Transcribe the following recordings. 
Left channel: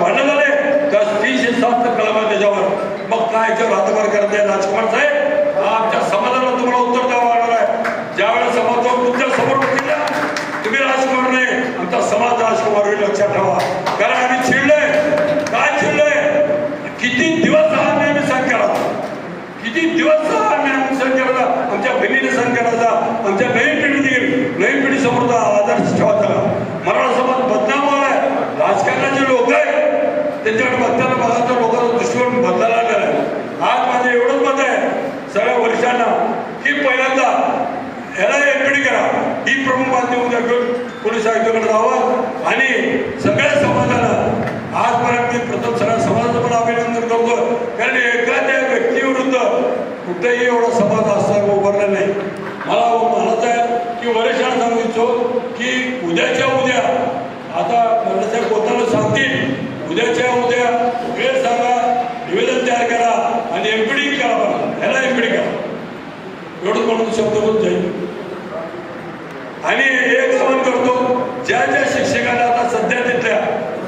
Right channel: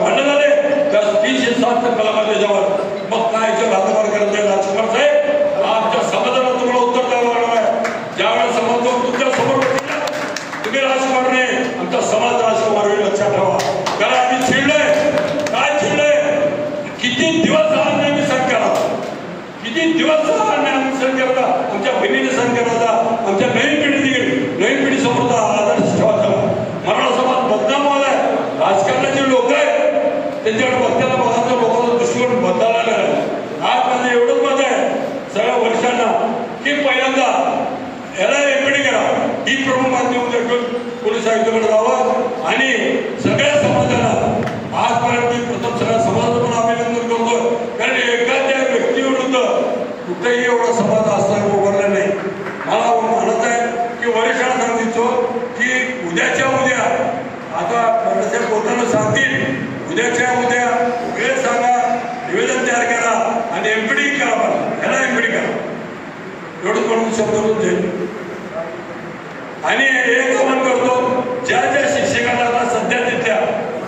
भांडण झाले. त्या तीनशे सात कलम त्याच्यावर मग काय याच्यावर हातभार करत आहे राजकुमार साहेब? आमच्या समाजाला तुम्हाला उत्तर द्यावं लागणार आहे. ज्यावेळेस समाज तुमच्यासमोर तुम्ही राजकुमार नाही आमचा समाज राजकुमार होईल लक्षात ठेवा. कारण आम्ही चिडलोय. काय चिडलोय? किती दिवस हा नेहमी सरकार किती दिवस त्यांच्याकडे बघताना बघायचा लोकांचा दृष्टिकोन बदलायला आलेला आज माझं एवढंच मत आहे सगळ्या वरिष्ठांना की पहिल्यांदा याला एकडे करा. ही प्रमुख माध्यम उद्या घेऊन पोलीस आयुक्ताकडे जावं. आणि सगळ्या समाजाला आजपर्यंत मी प्रथम सगळ्या समाजाचं पण अभिनंदन करतो. कारण एखाद्या व्यक्तीविरुद्ध कुठेही एवढा समाज असा उभारला नाही. मला म्हणत आहे की वरिष्ठांना सांगू इच्छितो की उद्याच्या उद्या आता बाळासाहेब बोलताना सांगतील उद्याच्या उद्या वेळ सांगा निवेदन तयार करा आणि एमपीडी करा बघा ह्याला एमपीडी करा. एवढं म्हणून शब्द होत जाईल. आणि एक स्मरण करतो ज्या ज्या शिक्षकांना आता सध्या तिथल्या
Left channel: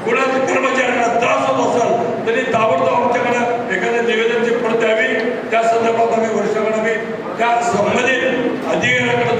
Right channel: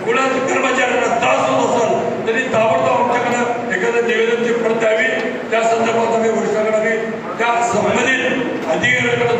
कुणाच्या कर्मचाऱ्यांना त्रास होत असाल त्यांनी ताबडतोब आमच्याकडे एखादं निवेदनची प्रत द्यावी त्या संदर्भात आम्ही वरिष्ठांकडे आम्ही त्या संबंधित अधिकाऱ्यांकडे